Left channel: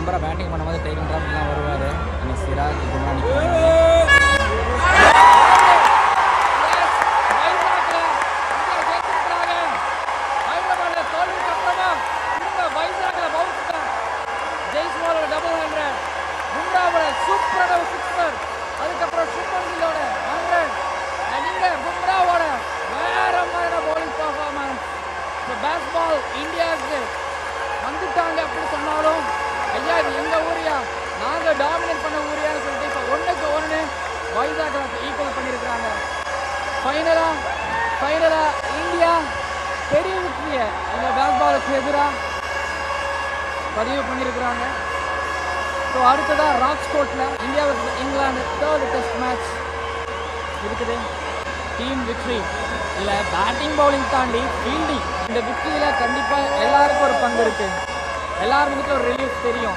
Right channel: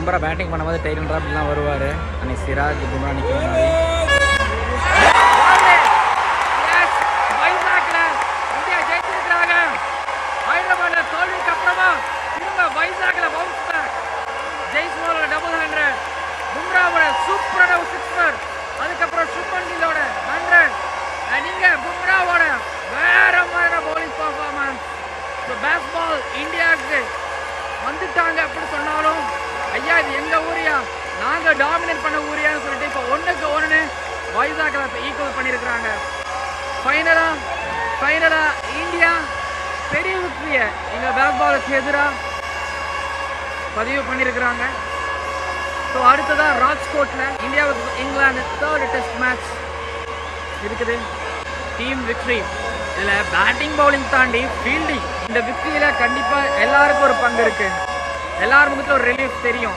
Bumrah batting பண்ணும்போது டெய்லன் ட்ராப்லாம் வருவார். அன்னைக்கு சிராஜ் பும்ரா நிற்கிறாங்க. ஹைதராபாத்ல தோல்விக்கு அப்புறமா திரும்ப வைசாக்ல பவுன்ஸ் பேக். ஜெய்ஸ்வாலோட டபுள் 100, பும்ராவோட சூப்பரான ஒரு சிக்ஸர், அதுக்கப்புறம் சுப்மன் கில்லோட 100, நீங்க பும்ராவோட வேற மாதிரி பவுலிங் பர்ஃபார்மன்ஸ். இப்போ பேஸ்பால் இந்தியாவுக்கு வந்துட்டாங்க அப்படின்னு சொன்னாலும், ஐயா இது எங்க ஊரியா, நாங்க டாமினேட் பண்ண ஊரியான்னு சொல்லிட்டு இப்போ 1-1 வைசாக்ல ஈக்குவல் பண்ணியிருக்கிறாங்க. ஃபைனலா இந்தியா பெரிய வெற்றியை இந்த பேஸ்பாலுக்கு எதிராக பதிவு பண்ணியிருக்கிறாங்க. ஸோ அடுத்ததான் ராஜ்கோட்டில் India vs England 3rd test match இருக்குது. Team victory. இதில் பேட்டிங் பவுலிங் தாண்டி ஃபீல்டிங், இந்த விக்ட்ரியில் கண்டிப்பாக எல்லாருக்கும் ஒரு பங்கு இருக்குது. எல்லார் முகத்தில் ஒரு ரிலீஃப் தெரியும்.